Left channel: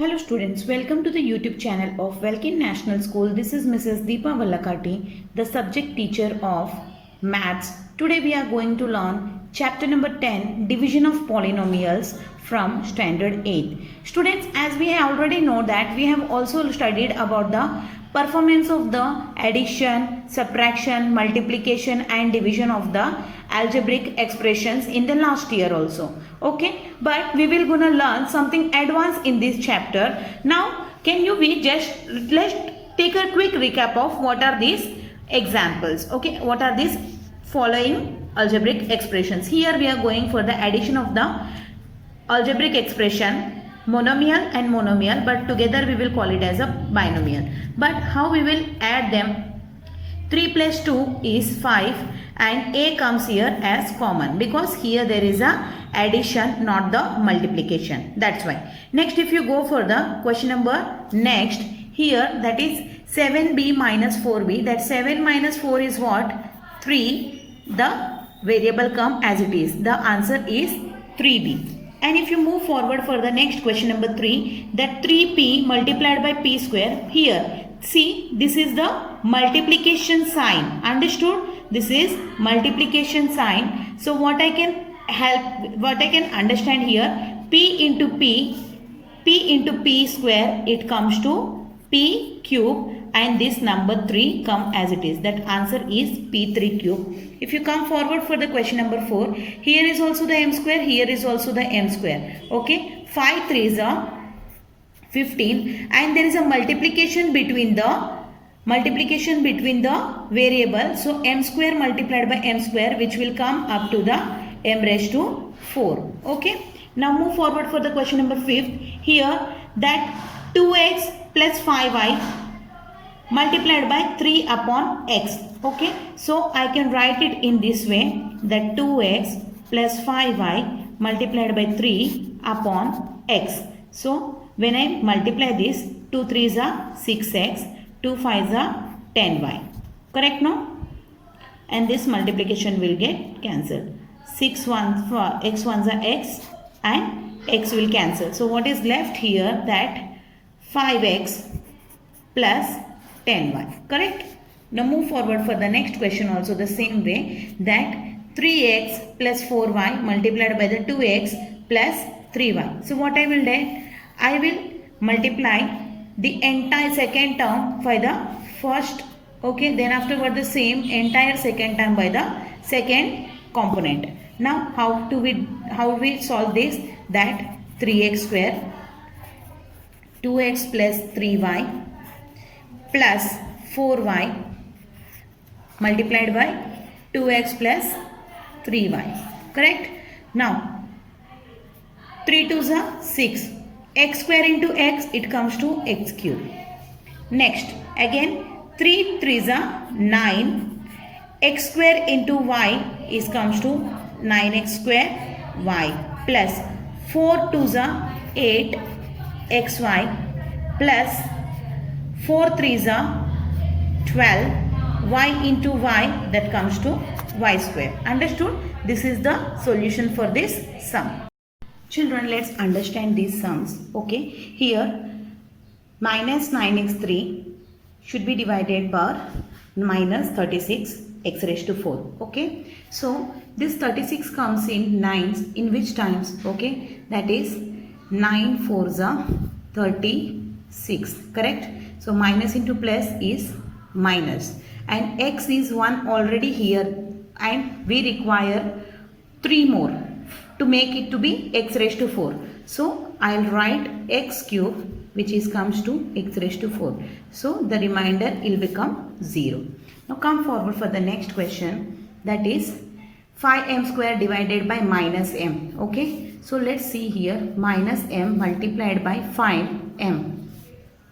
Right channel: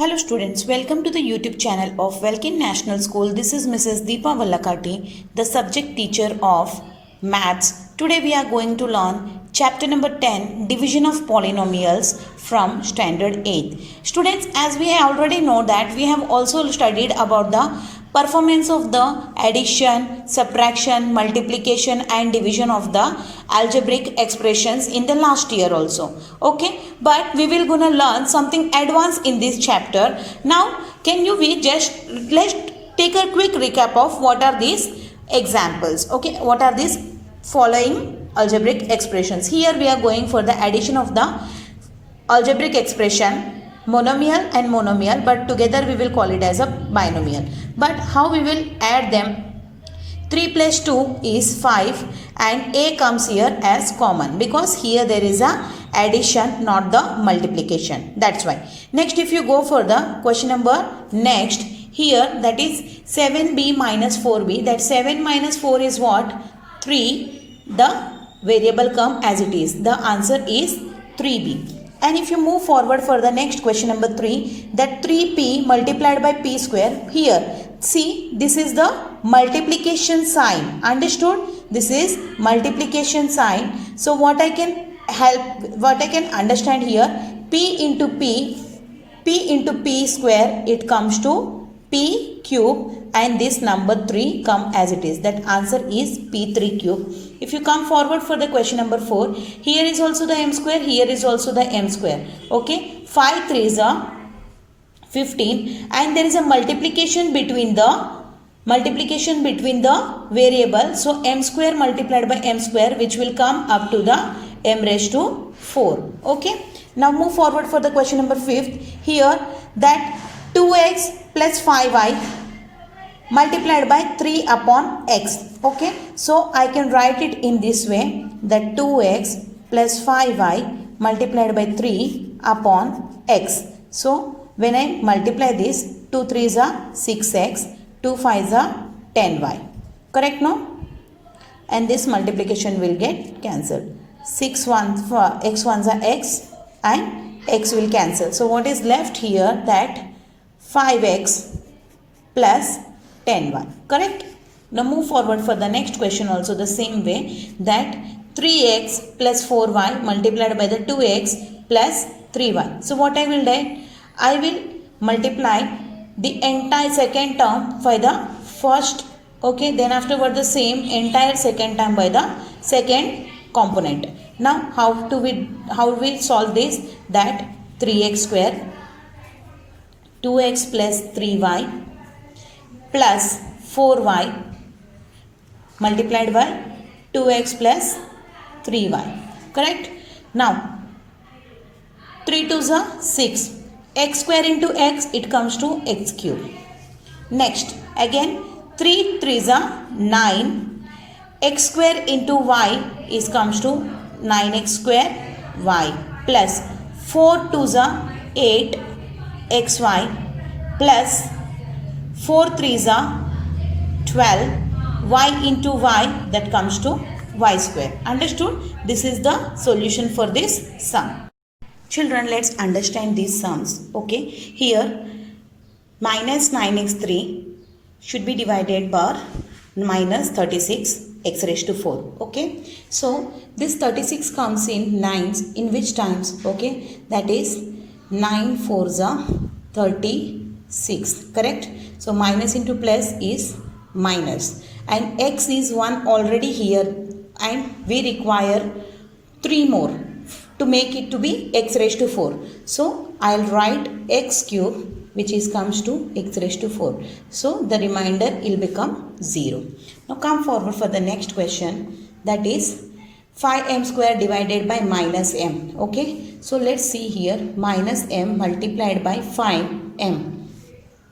Hello students, welcome to the YouTube channel of Welkin National School. This is Mrs. Deepa Vallakati, the subject teacher of Maths. Today we are going to learn chapter number 10, Division of Polynomials from Standard 8. Students, as we already know that we have also studied about the performance of the addition, subtraction, multiplication and division of the algebraic expressions in the last year also. Okay, but we will gonna learn something advanced in this chapter. Now can you let's take a quick recap of what are these examples. Okay, what are these following algebraic expressions. Here we are going for the addition of the algebraic expression monomial and monomial, but together we will call it as a binomial. But how we will add them? 3 plus 2 is 5 and a comes here as common because here there is a addition, not the multiplication. That's why. Next, if you go for the question number next, here that is 7b minus 4b, that 7 minus 4 is what? 3. The variable come as it is. The answer is 3b. And if you move forward for the next question number 3, that 3p multiplied by p square, here see this is the multiplication sign. Understood? This is multiplication sign. So what I can understand here, p into p square, it comes to p cube, and this number 3 come as it is. That answer is p3 cube. If you come forward for the question number 4, here is also the m square, here is also the m square. Okay, 5 3s are 15, and there is a multiplication between the variable. So m square multiplied by m square, which will come up to the m raised to 4. Okay, now move forward for the question number 5th. Here that 2x plus 5y multiplied by 3 upon x. Okay, so I can write it in this way, that 2x plus 5y multiplied by 3 upon x. So when I multiply this, 2 3s are 6x, 2 5s are 10y. Correct now? And this multiplication will get cancelled. 6 1 for x 1s are x and x will cancel. So what is left here, that 5x plus 10y. Correct? Now move forward for the next question also the same way, that 3x plus 4y multiplied by the 2x plus 3y. So what I will do? I will multiply the entire second term by the first. Okay, then afterward the same entire second term by the second component. Now how we solve this? That 3x square 2x plus 3y plus 4y multiplied by 2x plus 3y. Correct? Now 3 2s are 6. X square into x, it comes to x cube. Next, again 3 3s are 9. X square into y is comes to 9x square y plus 4 2s are 8 xy plus 4 3s are 12 y into y, that comes to y square. Understood? This is the solution for this sum. Children, let's understand these sums. Okay, here minus 9x3 should be divided by minus 36 x raised to 4. Okay, so this 36 comes in 9s in which times? Okay, that is 9 4s are 36. Correct? So minus into plus is minus, and x is 1 already here, and we require 3 more to make it to be x raised to 4. So I'll write x cube, which is comes to x raised to 4. So the remainder will become 0. Now come forward for the next question, that is 5m square divided by minus m. Okay, so let's see here, minus m multiplied by 5m.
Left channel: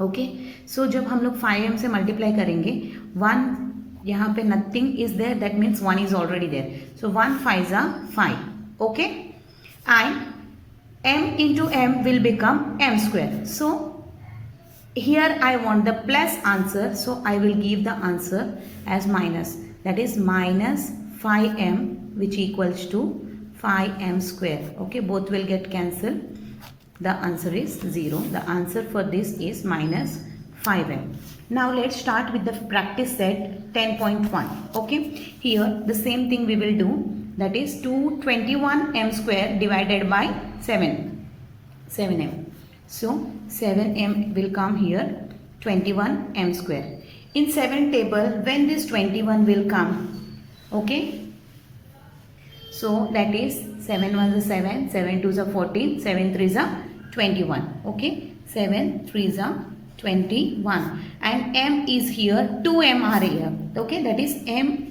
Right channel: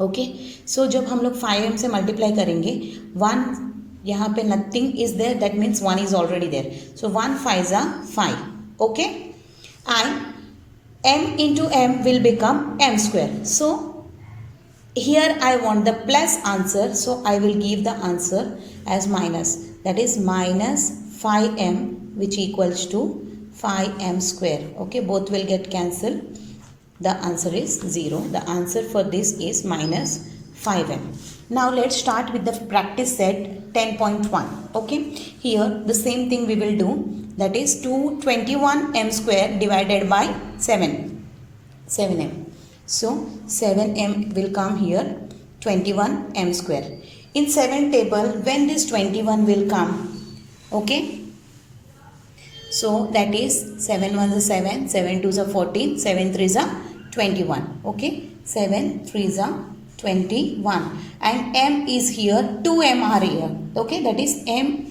Okay, so जब हम लोग 5m से multiply करेंगे, 1 यहाँ पे nothing is there, that means 1 is already there. So 1 5s are 5. Okay, and m into m will become m square. So here I want the plus answer, so I will give the answer as minus, that is minus 5m, which equals to 5m square. Okay, both will get cancelled. The answer is 0. The answer for this is minus 5m. Now let's start with the practice set 10.1. Okay, here the same thing we will do, that is 221m square divided by 7m. So 7m will come here, 21m square. In 7 table, when this 21 will come, okay, so that is 7 1s are 7, 7 2s are 14, 7 3s are 21. Okay, 7 3s are 21, and m is here, 2m are here. Okay, that is m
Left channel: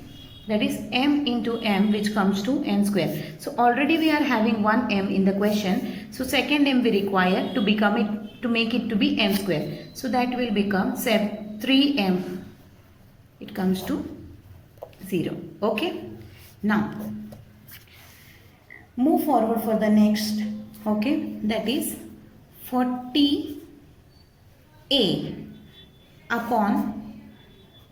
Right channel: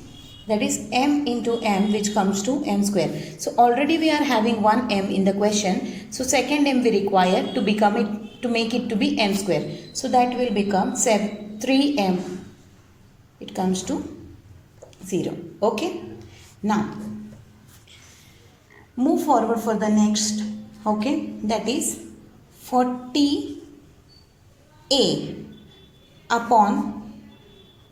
into m, which comes to m square. So already we are having one m in the question. So second m we require to make it to be m square. So that will become 3m. It comes to 0. Okay. Now move forward for the next. Okay, that is 40a upon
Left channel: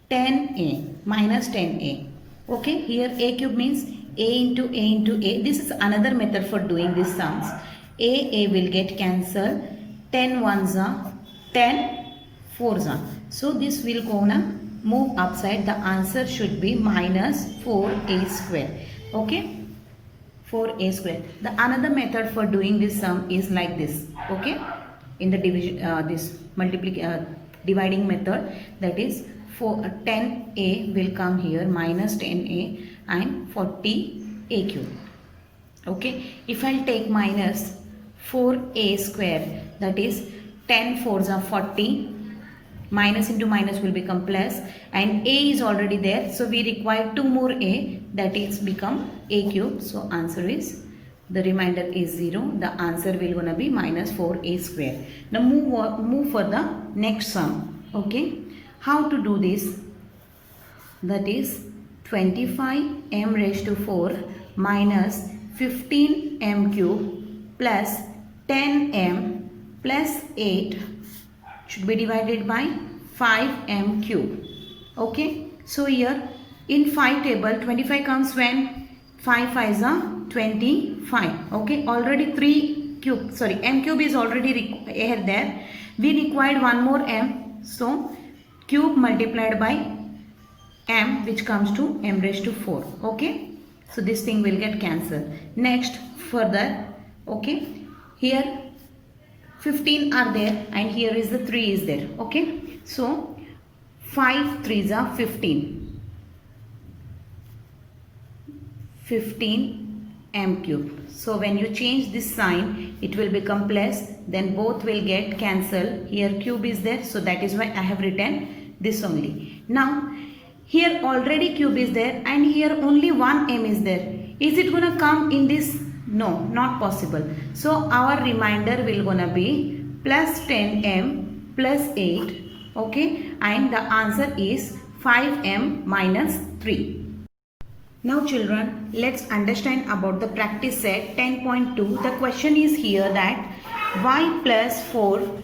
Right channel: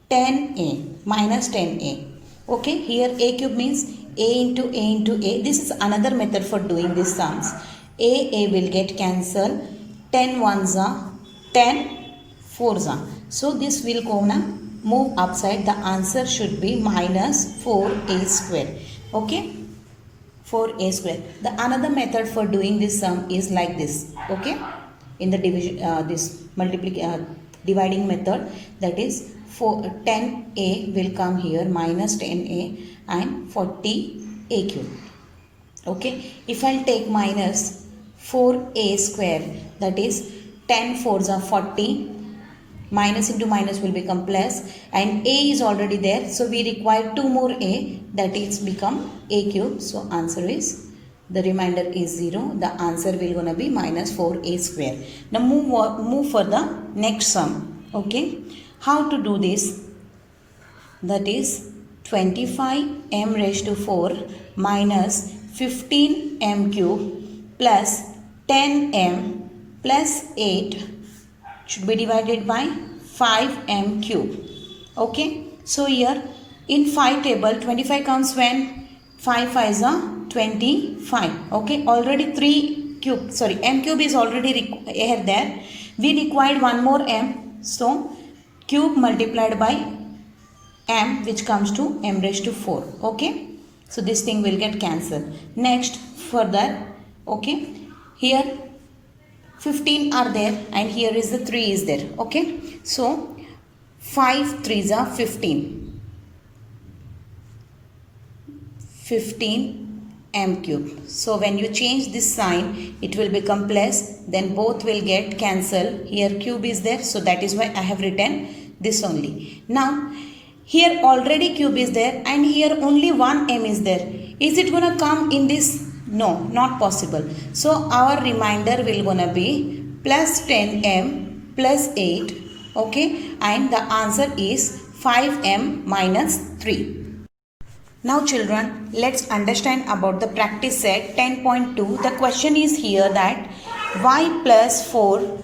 10a minus 10a. Okay, here a cube means a into a. This is another method for doing these sums. A will get cancelled. 10 1s are 10 4s are. So this will gonna move upside. The answer should be minus 4a square. Okay, 4a square. The another method for doing this sum is like this. Okay, in the division dividing method, that is 10a will come here, minus 10a and 40a cube. Okay, if I'll take minus 4a square, that is 10 4s are 40, minus into minus will become plus, and a is already there, so we require 2 more a, that is become a cube. So answer is, the remainder is 0. The answer will gonna be minus 4a square. Now move for the next sum. Okay, how to do this? That is 25m raised to 4 minus 15m cube plus 10m plus 8 should be divided by 5m cube. Okay, so here in 5 table, 25 comes when 5 5s are 25. Okay, already m cube is already here there. We required one more m, so cube multiplied by m, which comes to m raised to 4. Okay, so this thing will get cancelled. Next further, okay, here 15 are there and here is the 3 is there. Okay, so 5 3s are 15 m cube. So when you change this sign, it will become plus, then both will get cancelled. Here cube is there, so that is why I have written this only. Now here already cube is there and here only one m is there. Is it gonna come in this? No, not possible. So our remainder will gonna be plus 10m plus 8. Okay, and the answer is 5m minus 3. Now children, let's understand about the practice set 10.2. The question is here that y plus 4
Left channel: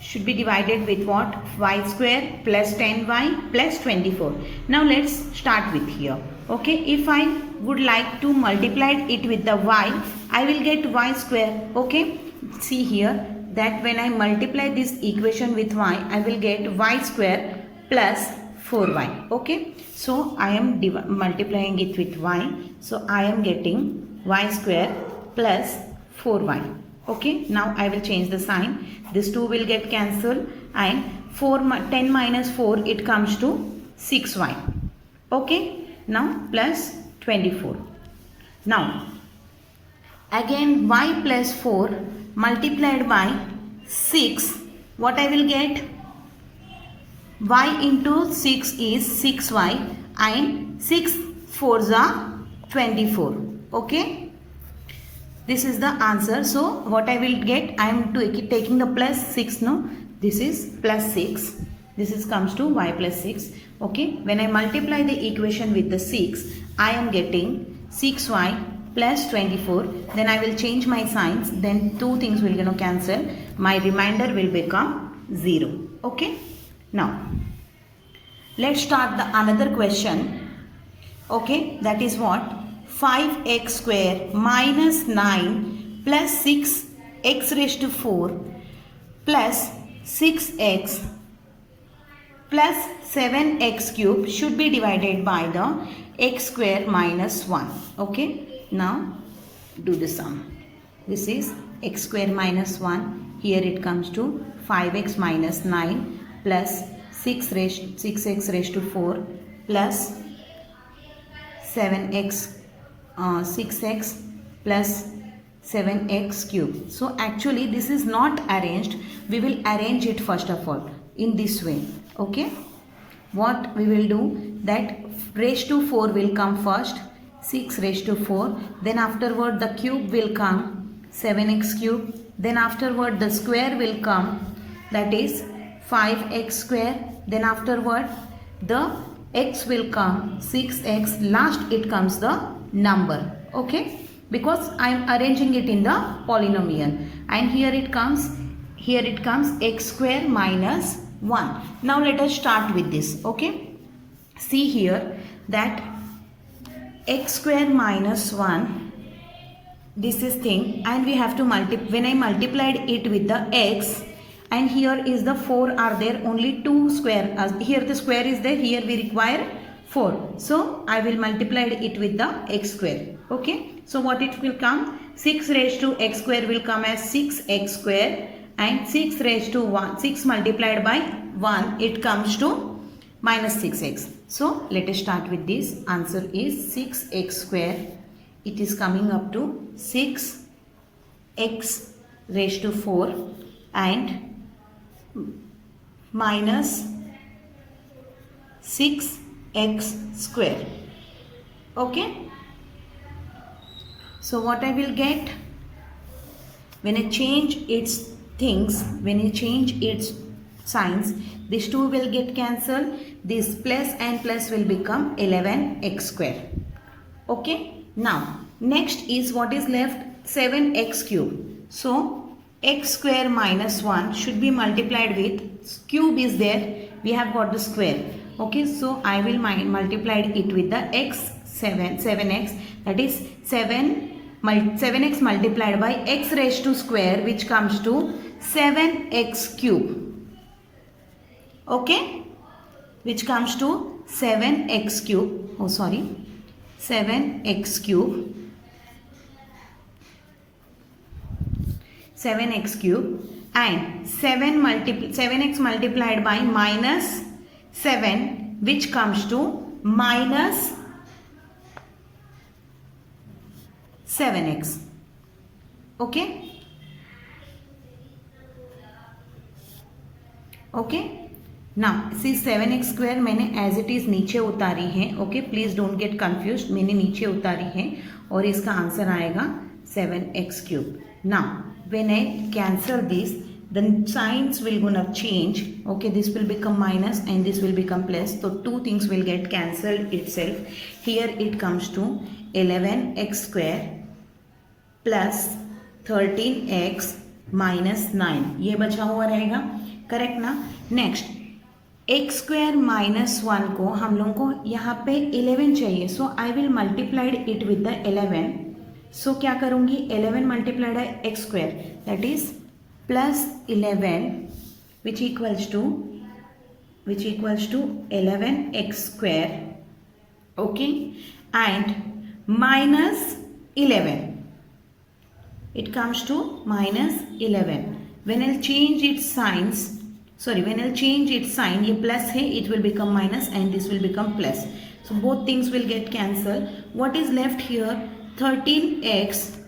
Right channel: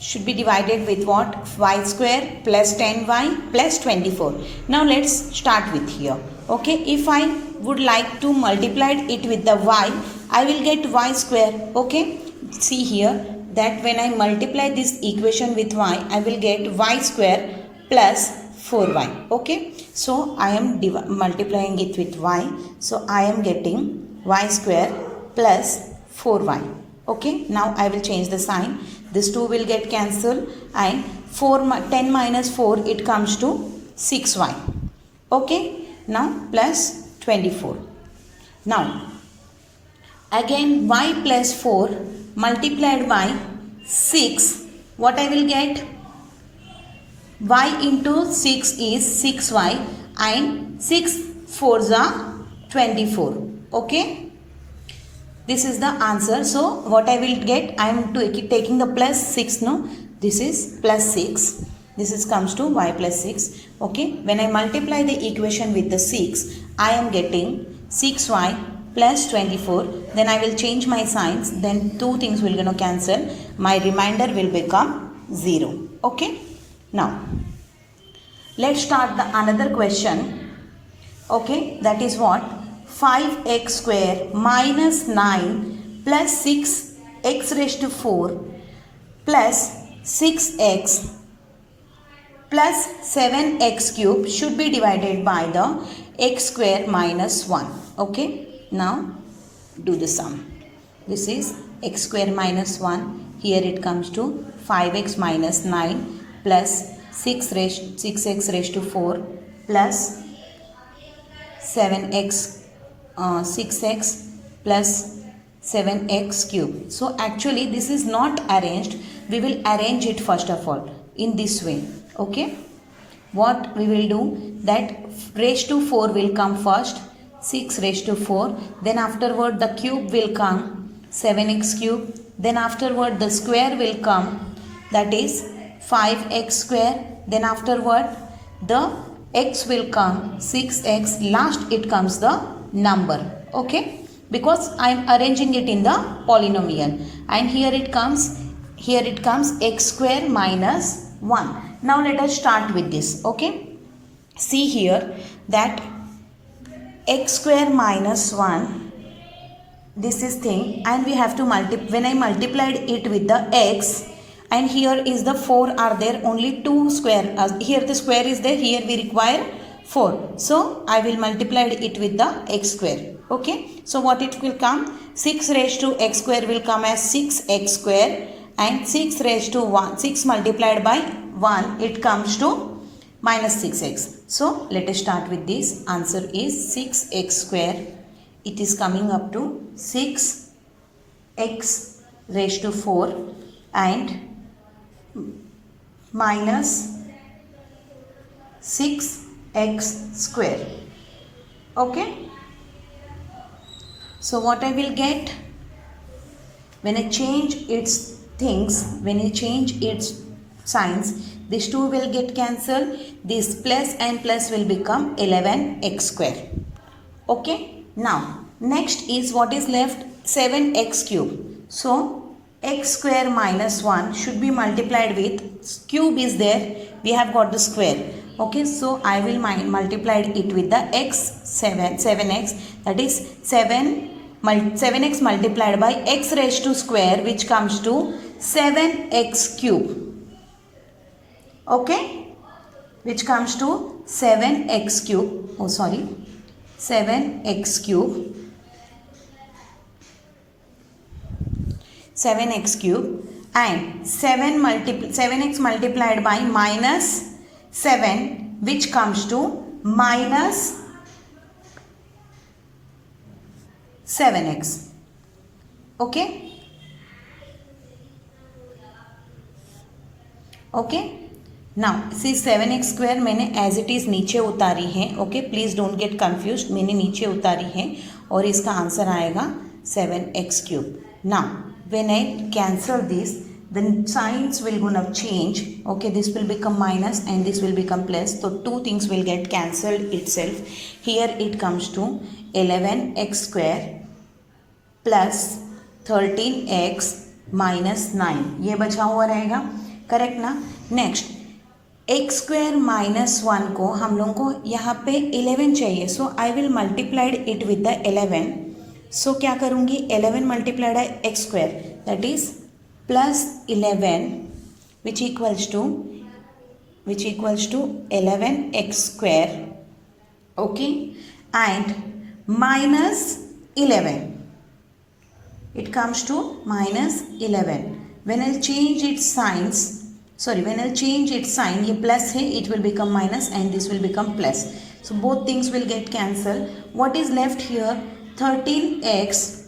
should be divided with what? Y square plus 10y plus 24. Now let's start with here. Okay, if I would like to multiply it with the y, I will get y square. Okay, see here that when I multiply this equation with y, I will get y square plus 4y. Okay, so I am multiplying it with y, so I am getting y square plus 4y. Okay, now I will change the sign. This 2 will get cancelled and 10 minus 4, it comes to 6y. Okay, now plus 24. Now again y plus 4 multiplied by 6, what I will get? Y into 6 is 6y and 6 4s are 24. Okay, this is the answer. So what I will get, I am taking the plus 6. No, this is plus 6. This is comes to y plus 6. Okay, when I multiply the equation with the 6, I am getting 6y plus 24. Then I will change my signs. Then two things will gonna cancel. My remainder will become 0. Okay. Now let's start the another question. Okay, that is what? 5x square minus 9 plus 6 x raised to 4 plus 6x plus 7x cube should be divided by the x square minus 1. Okay, now do the sum. This is x square minus 1. Here it comes to 5x minus 9 plus 6x raised to 4 plus 6x plus 7x cube. So actually this is not arranged. We will arrange it first of all in this way. Okay, what we will do, that raised to 4 will come first, 6 raised to 4, then afterward the cube will come, 7x cube, then afterward the square will come, that is 5x square, then afterward the x will come, 6x, last it comes the number. Okay, because I am arranging it in the polynomial, and here it comes x square minus 1. Now let us start with this. Okay, see here that x square minus 1, this is thing, and we have to multiply. When I multiplied it with the x, and here is the 4 are there, only 2 square, here the square is there, here we require 4, so I will multiply it with the x square. Okay, so what it will come, 6 raised to x square will come as 6x square, and 6 raised to 1, 6 multiplied by 1, it comes to minus 6x. So let us start with this. Answer is 6x square. It is coming up to 6x raised to 4 and minus 6x square. Okay, so what I will get, when I change its things, when I change its signs, these two will get cancelled, this plus and plus will become 11x square. Okay, now next is what is left, 7x cube. So x square minus 1 should be multiplied with, cube is there, we have got the square. Okay, so I will multiply it with the 7x, that is 7x multiplied by x raised to square, which comes to 7x cube. Okay, which comes to 7x cube, 7x cube, 7x cube, and 7x multiplied by minus 7, which comes to minus 7x. Okay, okay, now see 7x square मैंने as it is नीचे उतारी है. Okay, please don't get confuse, मैंने नीचे उतारी है और इसका आंसर आएगा 7x cube. Now when I cancel this, the signs will gonna change. Okay, this will become minus and this will become plus, so two things will get cancelled itself. Here it comes to 11x square plus 13x minus 9, ये बचा हुआ रहेगा. Correct ना. Next x square minus 1 को हम लोगों को यहाँ पे 11 चाहिए, so I will multiplied it with the 11. So क्या करूँगी, 11 मल्टीप्लाइड है x square, that is plus 11 which equals to 11x square. Okay, and minus 11, it comes to minus 11. When I'll change its signs, when I'll change its sign, ये plus है, it will become minus and this will become plus. So both things will get cancelled. What is left here? 13x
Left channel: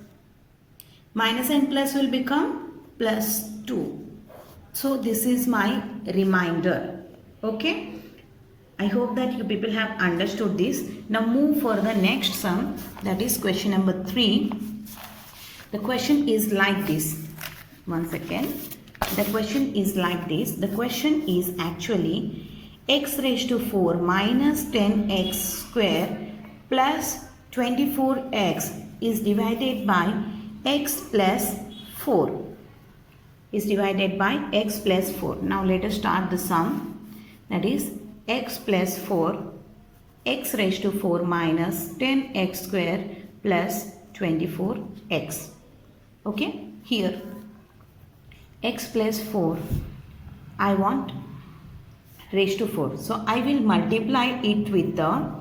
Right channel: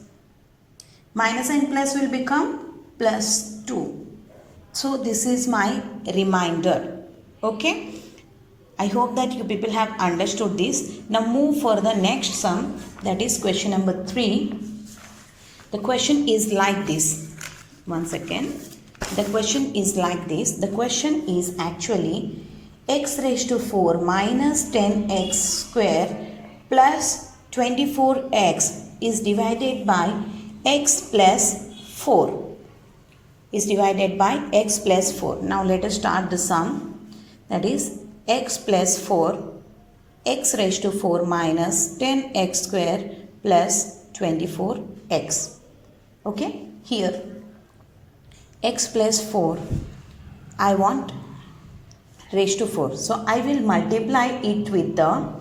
minus and plus will become plus 2. So this is my remainder. Okay, I hope that you people have understood this. Now move for the next sum, that is question number 3. The question is like this. One second. The question is like this. The question is actually x raised to 4 minus 10x square plus 24x is divided by x plus 4. Is divided by x plus 4. Now let us start the sum. That is x plus 4, x raised to 4 minus 10x square plus 24x. Okay, here x plus 4, I want raised to 4. So I will multiply it with the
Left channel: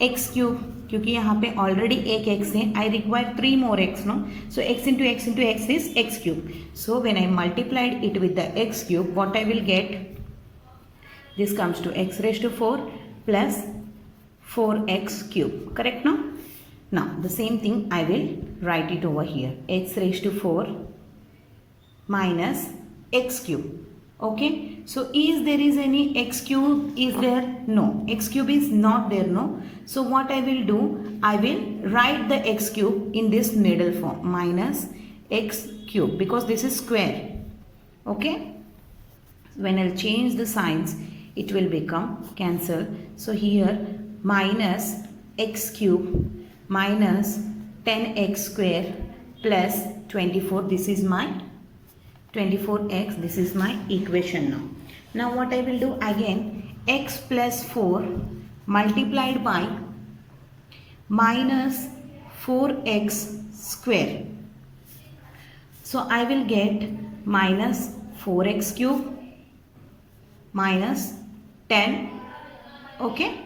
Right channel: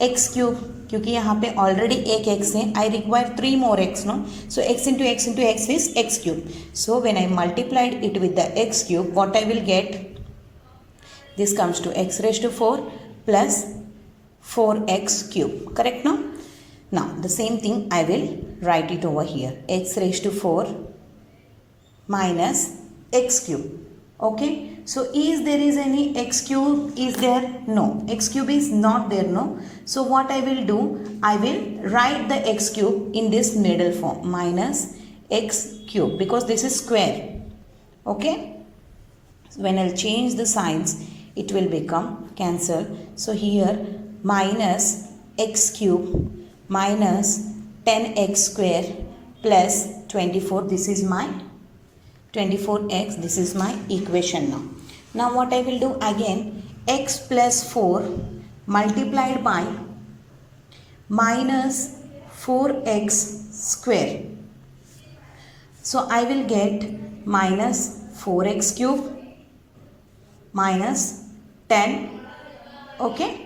x cube, क्योंकि यहाँ पे already एक x है. I require 3 more x, no? So x into x into x is x cube. So when I multiplied it with the x cube, what I will get? This comes to x raised to 4 plus 4x cube. Correct, no? Now the same thing I will write it over here. X raised to 4 minus x cube. Okay, so is there is any x cube is there? No, x cube is not there, no. So what I will do, I will write the x cube in this middle form, minus x cube, because this is square. Okay, so when I'll change the signs, it will become cancel. So here minus x cube minus 10x square plus 24, this is my 24x, this is my equation now. Now what I will do again, x plus 4 multiplied by minus 4x square. So I will get minus 4x cube minus 10. Okay.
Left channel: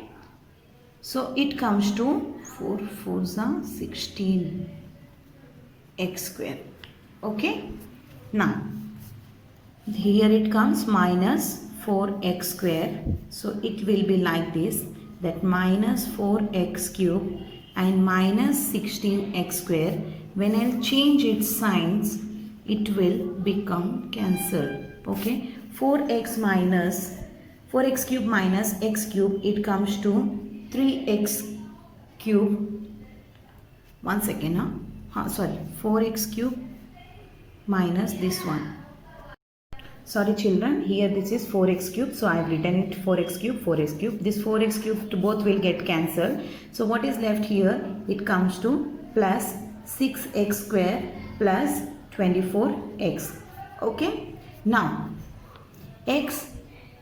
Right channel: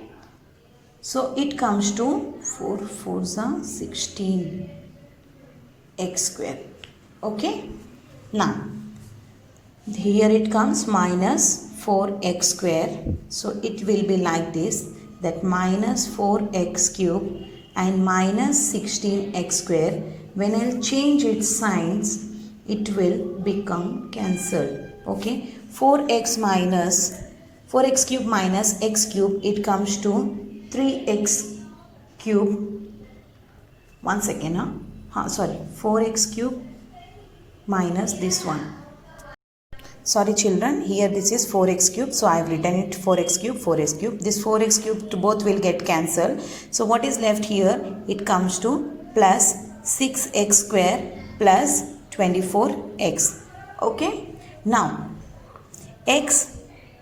So it comes to 4 4s are 16 x square. Okay. Now here it comes minus 4x square. So it will be like this, that minus 4x cube and minus 16x square. When I'll change its signs, it will become cancelled. Okay, 4x cube minus x cube, it comes to 3x cube. One second, sorry, 4x cube minus this one. Sorry children, here this is 4x cube, so I have written it 4x cube. This 4x cube to both will get cancelled. So what is left here? It comes to plus 6x square plus 24x. Okay. Now x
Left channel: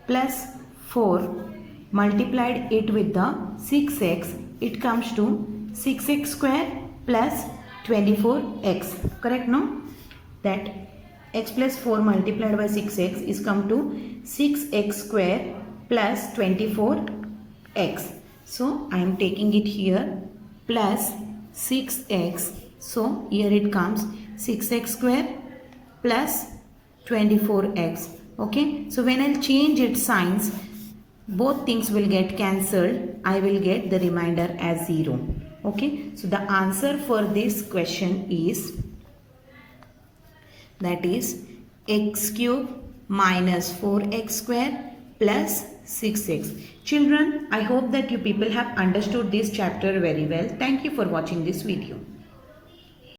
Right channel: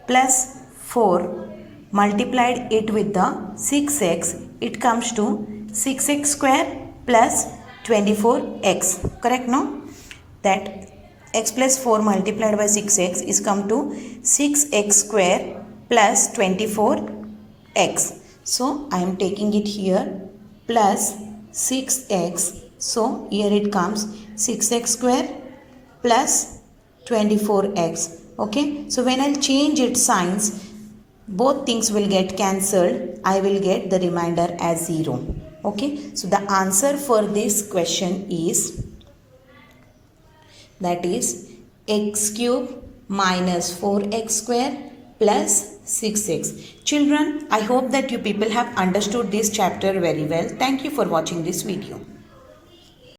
plus 4 multiplied it with the 6x, it comes to 6x square plus 24x. Correct, no? That x plus 4 multiplied by 6x is come to 6x square plus 24x. So I am taking it here plus 6x. So here it comes 6x square plus 24x. Okay. So when I change its signs, both things will get cancelled. I will get the remainder as 0. Okay. So the answer for this question is, that is x cube minus 4x square plus 6x. Children, I hope that you people have understood this chapter very well. Thank you for watching this video.